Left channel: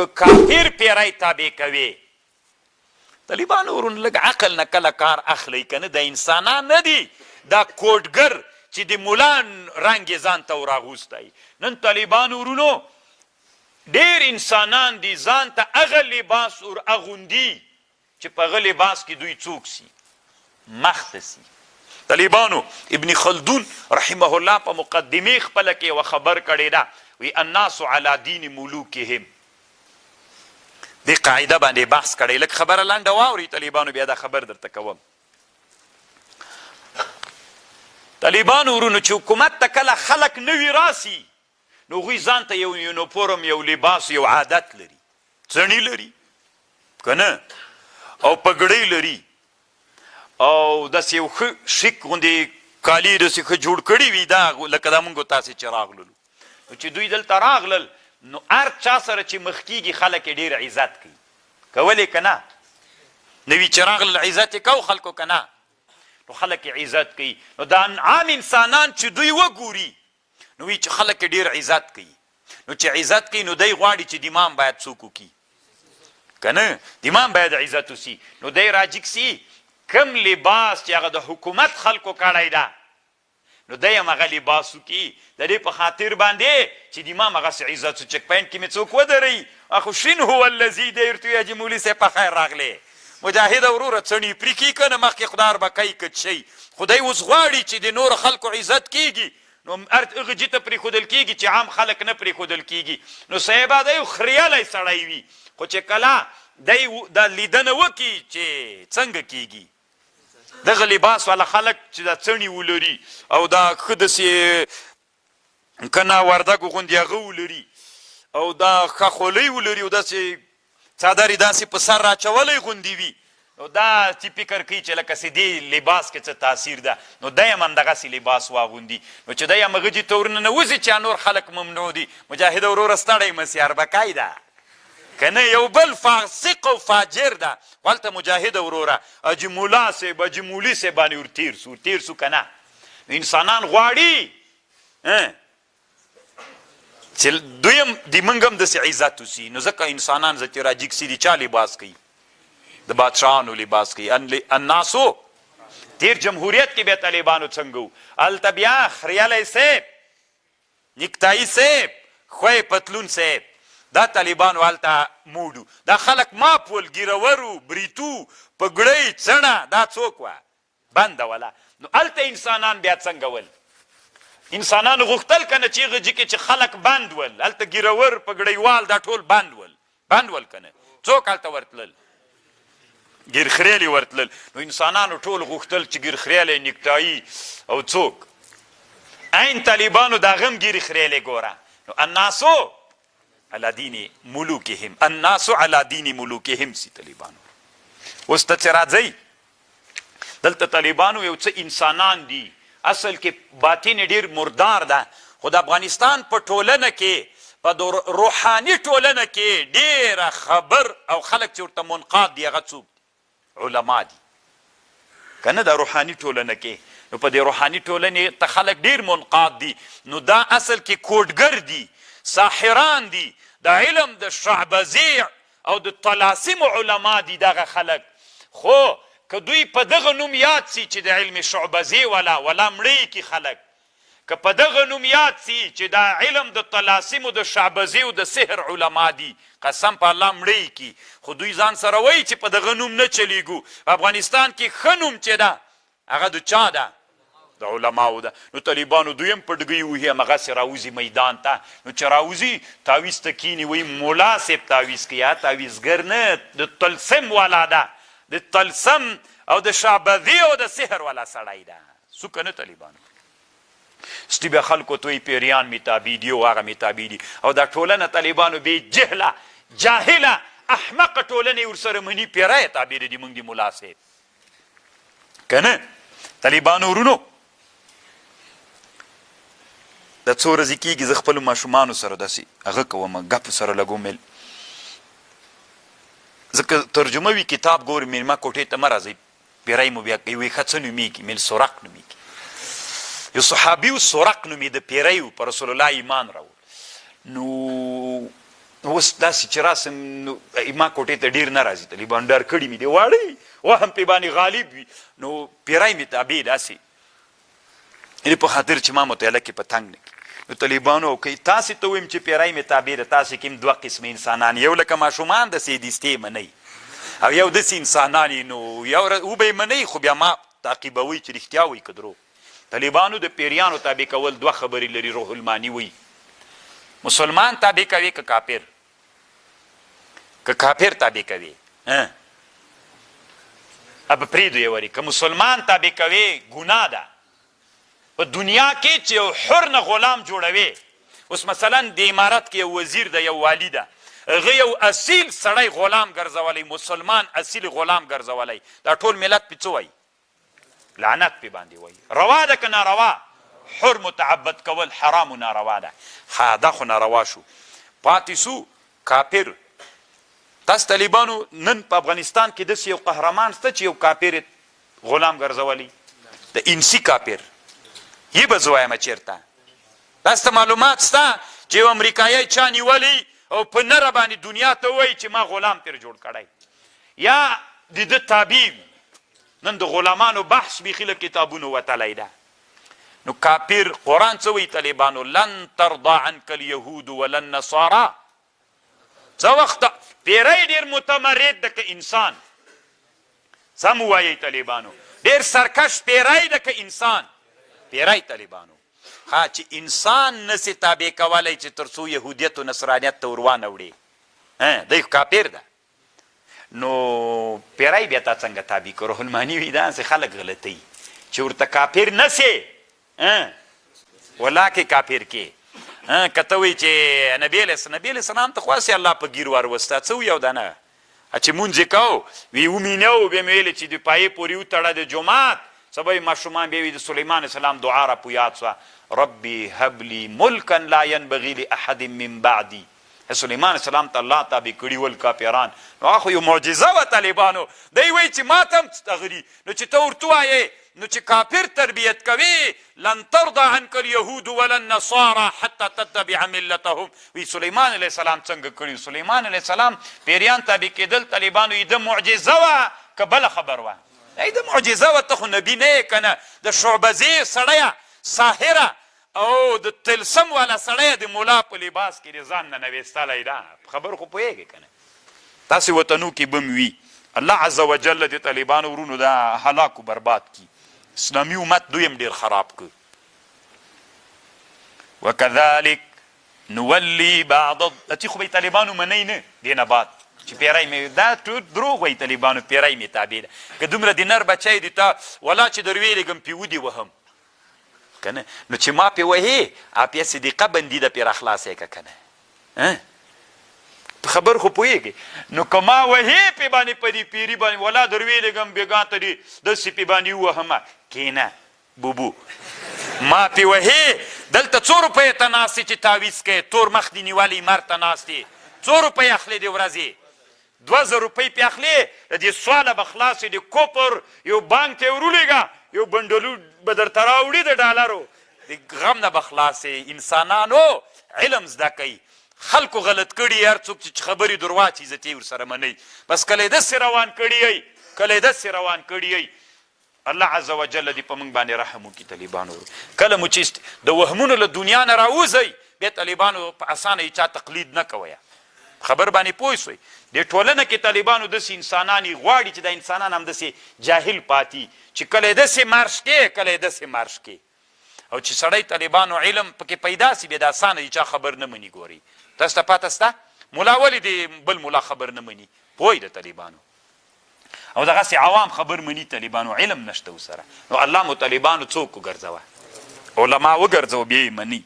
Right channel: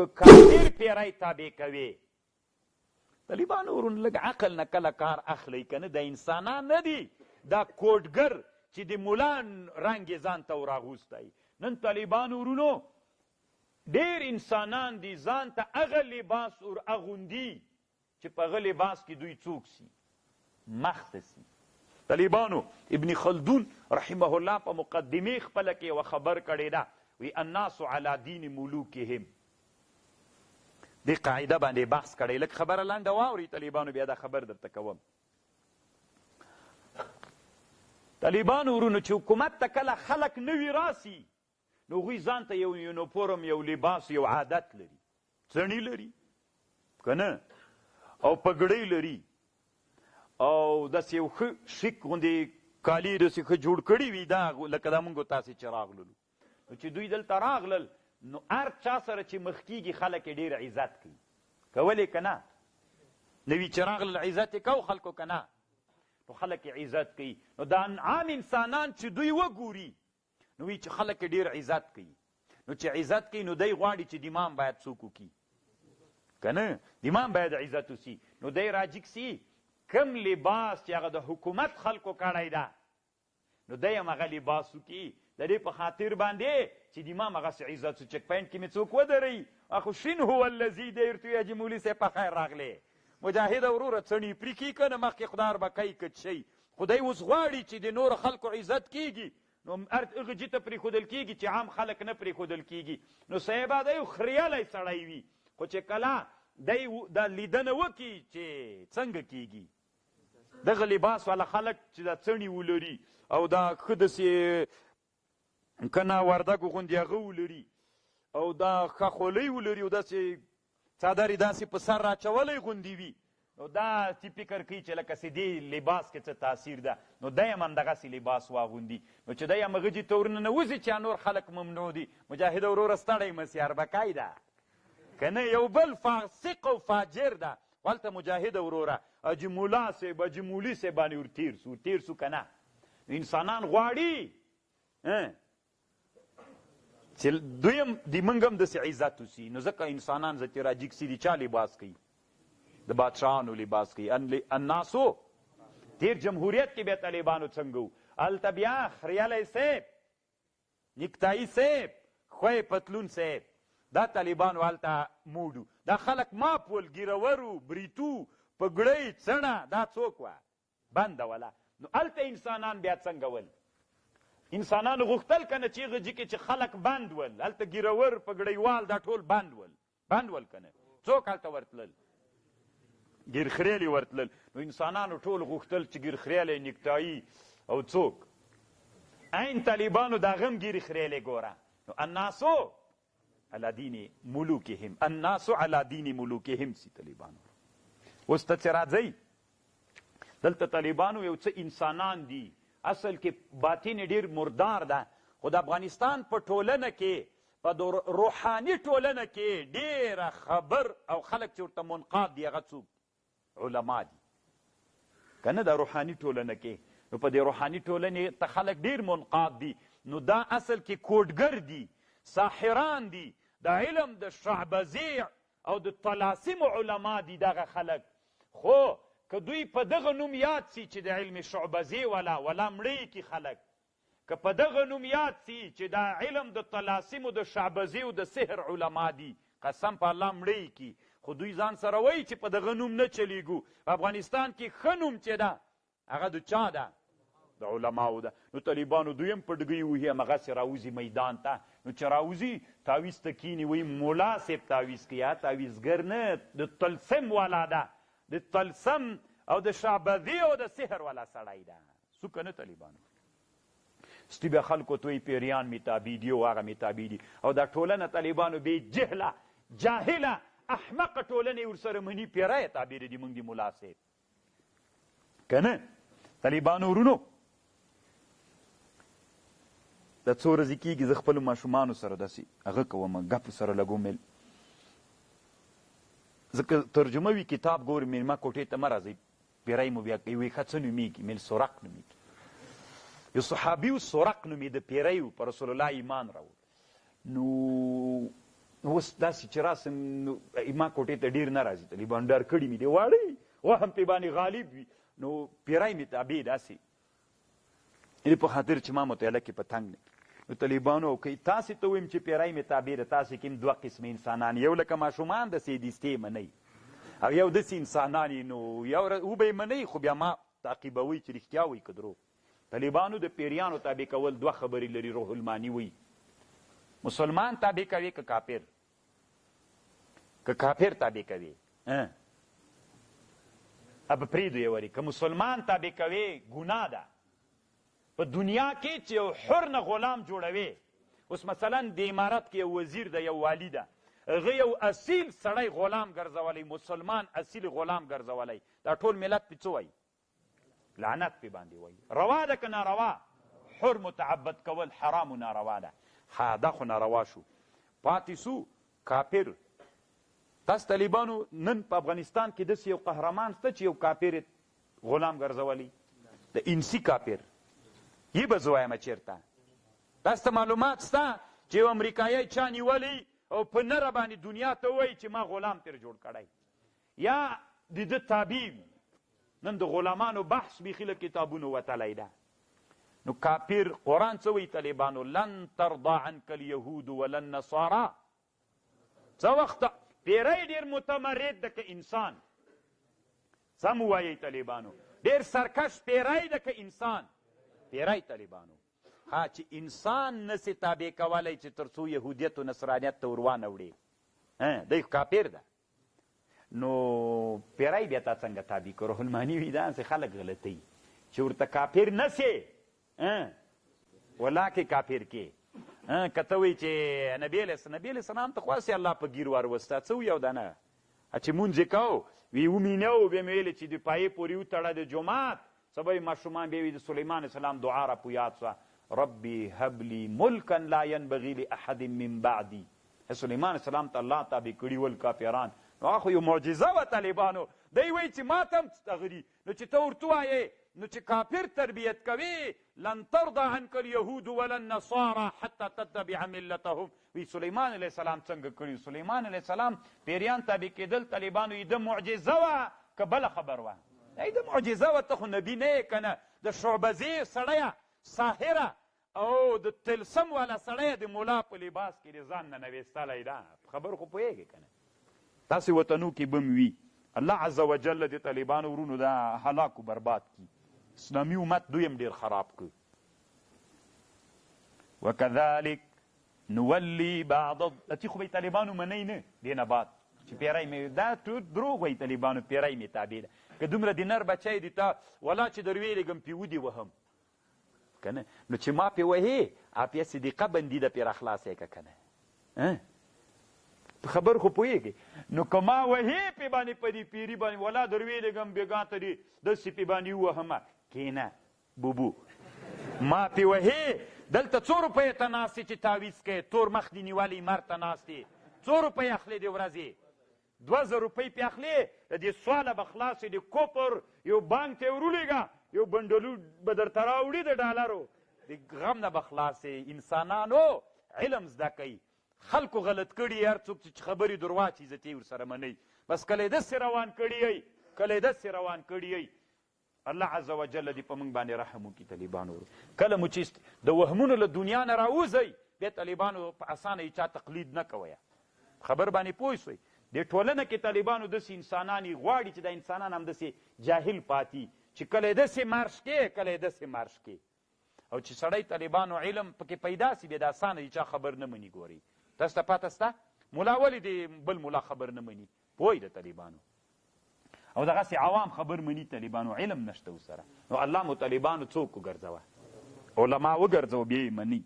که کافر پیری تابع کوي. طالبانو ورونو لږ عقل نه کله کار اخلی که نه، د انسانان نه دي، دا کوډګر چې د مولا رنګ یې ځان ته وراغوستی. نن طالبانو ورونو ډېر انسانان دي ځان ته هغه لباس ور اغوندي چې په هغه لباس کې دوی څوک سي، مخته سي. طالبانو ابن خلدون رحمه الله په مقدمې خپله کې یوه خبر کړې ده، وی الناس علی دین ملوکهم. دې قاعده باندې بحث کړی. لږ خبره لنډه واورئ طالبانو، بیا دا خبر درته کوم. طالبانو ورونو چې حکومت ته کله خلک نوي راسي نو هغوی ځان ته یو یونیفورم، یو لباس، یو عادت لري. څڼې لري که نه، او پګړۍ لري، او داسې یو ښه شیک غوندې کالي داسې ښه جوړ کړي وي، دا لکه دا مونږ تاسې چې راغللو. نو چې دوی دلته راغلل نو هر چا سره چې مخ کېږي خلک یې ډېر عزت کوي. کولی که نه؟ نوي چې راغلل عزت یې کو خلکو که نه؟ نو خلک یې عزت کوي. نو دا عام انسانان چې دوی وګوري نو وی چې خلک یې ډېر عزت کوي. نو چې عزت کوي نو دی غواړي چې د امام باید څوک وکړي که نه؟ د امام باید عزت وسي. نو دی راجګ سي کم لباس چې هغه د حکومت خلکو کړی ده نو دی هم هغه لباس وکړي د دې په خاطر باندې چې د امام هغسې عزت سو. چک پاینټ کې مې څوک ودروي، اخو شین هو الذي دیرتو یا جي مولي صاحب په خیر راغلی. مجاهده وروره څڼې پرې کړي که نه، مخکې خدار به کوي کټ شي. خدای اوس غواړي چې د نورو خلکو عزت کېږي نو هغه جي ته پرېښودل کېږي چې عام خلک نه پرېښودل کېږي. نو صاحبه دی یو خریالی سړی وي، خو چې کله دی دا لیدنه وکړي چې څنګه کېږي دغه لباس والا خلک چې دا څڼې ولري او دا ښه داسې که نه وردګو غوندې هغه ولري او دا ښه خولۍ ولري او داسې څادر یې داسې په سر راچولی غوندې وي، نو دا چې فکر کوي چې لکه دې لباس کې څه تاثیر ده. نو دی هم همدغسې لباس واغوندي. نو چې دی هم هغه جي ته ورننوځي چې نور خلک ممنوع دي. مجاهده وروره ستړی مه سي، اربکی ده که نه، یو بل فاسق او فاجر ده. هلته مجاهده وروره حاجي مولا صاحب، حاجي مولي صاحب باندې ورتېر سو که نه. انسانان غواړي چې دوی هم د موږ هم داسې عزت وسي. نو ځکه انسانان چې راجګ سي د چا لباس کوي؟ د بادشاهانو لباس کوي. الناسو تیر جمهوریت کې بیا طالبانو څنګه وو؟ هلته بیا خریالی صاحب، نیکتایي صاحب، خوی پتلون صاحب، دا طالبانو هلته موډو. دا خلک ماپ ول، ګیرورو، بریتو، پګړۍ، څڼه، دا څوک وه؟ بنده وله. نو هلته انسانان بیا څنګه ول؟ انسانانو غوښتل که نه چې هغه جي کې چې خلک بند ول، هلته ګیرور، پګړیوال دا ټول بند ول که نه؟ څوک هلته ورتلل؟ ګیرخریالي ورتلل. نو انسانانو ټول غوښتل چې ګیرخریالی، نیکتایي او څوک. عین طالبانو د هغه هم ګیرخریالی ګوره. نو الناسو علی دین ملوکهم، الناسو علی دین ملوکهم سي طالبانو. اوس ته چې راځئ دلته طالبانو یو څه انسانان دي، اصل کې باطن ډېر مردار ده، خو د افغانستان په ټولنه کې، په روحاني ټولنه کې ډېره خبر او خلک چې ورته منقاد دي هغه څوک؟ علما دي که نه؟ د روحاني ټولنه کې. نو په دې روحاني ټولنې ته خلک ډېر منقاد دي. نو دا اصل کې کوډګر دي، ساحران دي، د علم د شعبذي او د طلاسم علما دي دغه خلک. خو که دوی په دغه نوم یاد سي چې د علم شعبذي ولا مړی کی خلک، که په دغه نوم یاد سي چې دا علم د طلاسم او د شعبذي او د سحر علما دي، قسم په الله مړی کی. خو دوی ځان سره وایي چې په دغه نوم نه چلیږو. په افغانستان کې ښه نوم چې ده هغه د چا ده؟ د علماوو ده. نو طالبانو دوی هم پټګۍ وهي، همغسې راوځي میدان ته. نو چې راوځي تعویز ته کیني، وایي مولا صاحب تعویز کوي. تعویزګر نه، د طلسم والا ده، د طلسم او د شعبذي او د سحر والا سړی ده. څو که نه طالبانو؟ ستی بیا خلکو ته وایي پیریان مې تابع دي او هغه مې تابع دي. او دا ټولنه طالبانو بې جهله، جاهله، احمقه ټولنې ورسره مني. پیری تابع دي موږ د ملا صاحب که نه؟ طالبانو ورونو دا څو ورځې کېږي زه خپلو ماشومانو سره داسې هغه کوم، ګپ سره لږ ومیل. ځکه ترجمه وي کتاب ګورې مېلمه کوټې ته مه راځئ، پیری مو بیا کوي. وایي ښه څه نومېږي؟ میل سرق نومېږي. یو صحابي و سرق نومېده، پیری و، په رسول الله ایمان راوړ. نو اوس داسې چې راسم نو ما کوټې ته ډېر نه راځي طالبان ډر کړي مې دی واړی وهم پې باندې غالب وي نو پیری مې تابع داسې یعنې په خاطر چې ما مطالعه کې په تنګ نه کړي نو طالبانو که تاسې ته ویم چې پیری مې تابع ده تاسې کې هم دوه قسمه انسانان یو لکه ماشومان داسې دیستې منئ او یو داسې انسانان نو یو وبه یې منئ خو بیا ما تعقیبوئ چې رښتیا وایي که درو طالبانو د پیریانو تابع کول دوه خبرې لري روح المانی وایي مسلمان تابع کوي که کافر که کافر تابع کوي اب پریدو یې وري که مسلمان تابع کوي ګناه ده په دنیا کې چې یو حر نه غلام جوړوي اوس مثلا د امارت کې یو وزیر ده یو والی ده هغه یو اصیل سړی غلام ګرځولی مسلمان اصیل غلام ګرځولی دا ټول ملت پې څه وایي لعنت پې باندې وایي روا ده که ناروا حر متعبد کول حرام و ناروا ده دا خو ناروا شو پاتې سو کافر تاسو طالبانو نن په افغانستان کې داسې یو قهرمان شته چې یو کافر غلام ګرځولی د انسي کافر یې به زه وایم چېرته تاسو ته معلومات شته چې یو امریکایي چا نیولی او په نره باندې دنیا ته وایي چې ما غلام ترې جوړ کړی یا د ده تابع نن د غلامانو بحث بیخي له کتابونو وتلی ده نو کافر قرآن څه وایي طالبانو لن ترضى عنك اليهود ولا النصارى څه وخت پیری ډېر متمرد ده که انسان سم ووایئ طالبانو ډېر سرکش پیری ده که انسان پیری طالبانو ها چې انسان نسي تابع کولی چې تر څو یهودیت و نصرانیت ته ور وانه وړي دی کافر ده نو پیری بیا تا څنګه تابع کړو روح المانی وایي داسې خلک غلطوي چې ورته کافر نسې ولاکې کافر کې که ته وایي چې نبي علیه السلام ته خو هسې الله په ګیر واروسته څه وي او دا نه چې مونځ یې کوو وی ومینو بیا مې ویلې چې د پایې پورې وتړه د جومات سبا یې ماشومان بیا وي د سلیمان علیه السلام دعا را په یاد سوه ربي هب لي ملکا لا ينبغي لاحد من بعدي سلیمان علیه السلام ته الله تابع کړي ول کافران نو هغه خو یو معجزه وه طالبانو دی وایي چې ما ته هم تغري نو چې ته ورته ووایې نو چې کافر تربیت کوي لن ترضى عنك اليهود ولا النصارى حتى تتبع ملتهم وی سلیمان علیه السلام څنګه کړي سلیمان علیه السلام پیریان تابع کېدل طالبانو یې د معجزه وه که بله خبر وه ای د معجزه وه ته خو نبي نه یې که نه د شعبزې سړیه ساحره او د تلسم والا سړی د ملا په لباس کې د ځان نه نویستلی ده خبر خو پوهېږې که نه تاسې وطنو کې بم وي الله عز وجل د طالبانو ورونو دا هلاک و برباد کی اسلامي امت دویم ډېر خراب که وکذلک نولی بعض اتی خو به طالبانو منی نه دې نه بعد چې پیری مې دا دروغ وایي طالبانو پیری مې تابع ده که دومره د نر بچی دی تا ولا چې در ویلېږم پې ودې وهم که نه نو چې ما پې وهې اپیا صدیقه بندي ده پې راخلاصی که که نه خبر خو پوهېږې نو که ما وهې پې باندې په دې پیري باندې ولا در ویلېږم بېګا ته دې داسې پې باندې ووهمه کښېنه بوبو ما پې وهې دلته څو روپیو ته ناست چې تعویض کوې تور مخ دې نیولی مر ته ناست یې څو روپۍ اخلې د ورځې 2000 روپۍ پې اخلې د دې سواله به خلاصې د کوپر یو بانک ته یې ورولېږه یو بنډلو به درته راوړي د ډالرو د غم نه به خلاصې انسانانو علم زده کوي خلکو غلط کړي هر څوک چې خبرې دروا چې عزت یې ورسره منئ بس کله یې داسې روان کړي یئ کله یې داسې روان کړي یئ الله عز وجل دې په موږ باندې رحم وکړي طالبانو کله مو چې د وهمونو له دنیا نه راوځئ بیا طالبانو په اسانه یې چا تقلید نه کوئ خبر باندې پوه شوئ دې ټولنه کې طالبانو داسې انسانان یې غواړي چې دا انسانان هم داسې جاهل پاتې چې کله یې داسې مارش کې کله یې داسې مارش کې او چې سړی طالبانو علم پکې پیدا سي بیا د اسانه یې چا خبر نه مني ګورئ تاسو ته پاته شته ملا ولې د بل ملا خبر نه مني پوه د طالبانو او دغسې عوام خبر مني طالبانو علم نشته ورسره نو الله مو طالبانو څوک وګرځوه علما وګرځوه بیا یې مني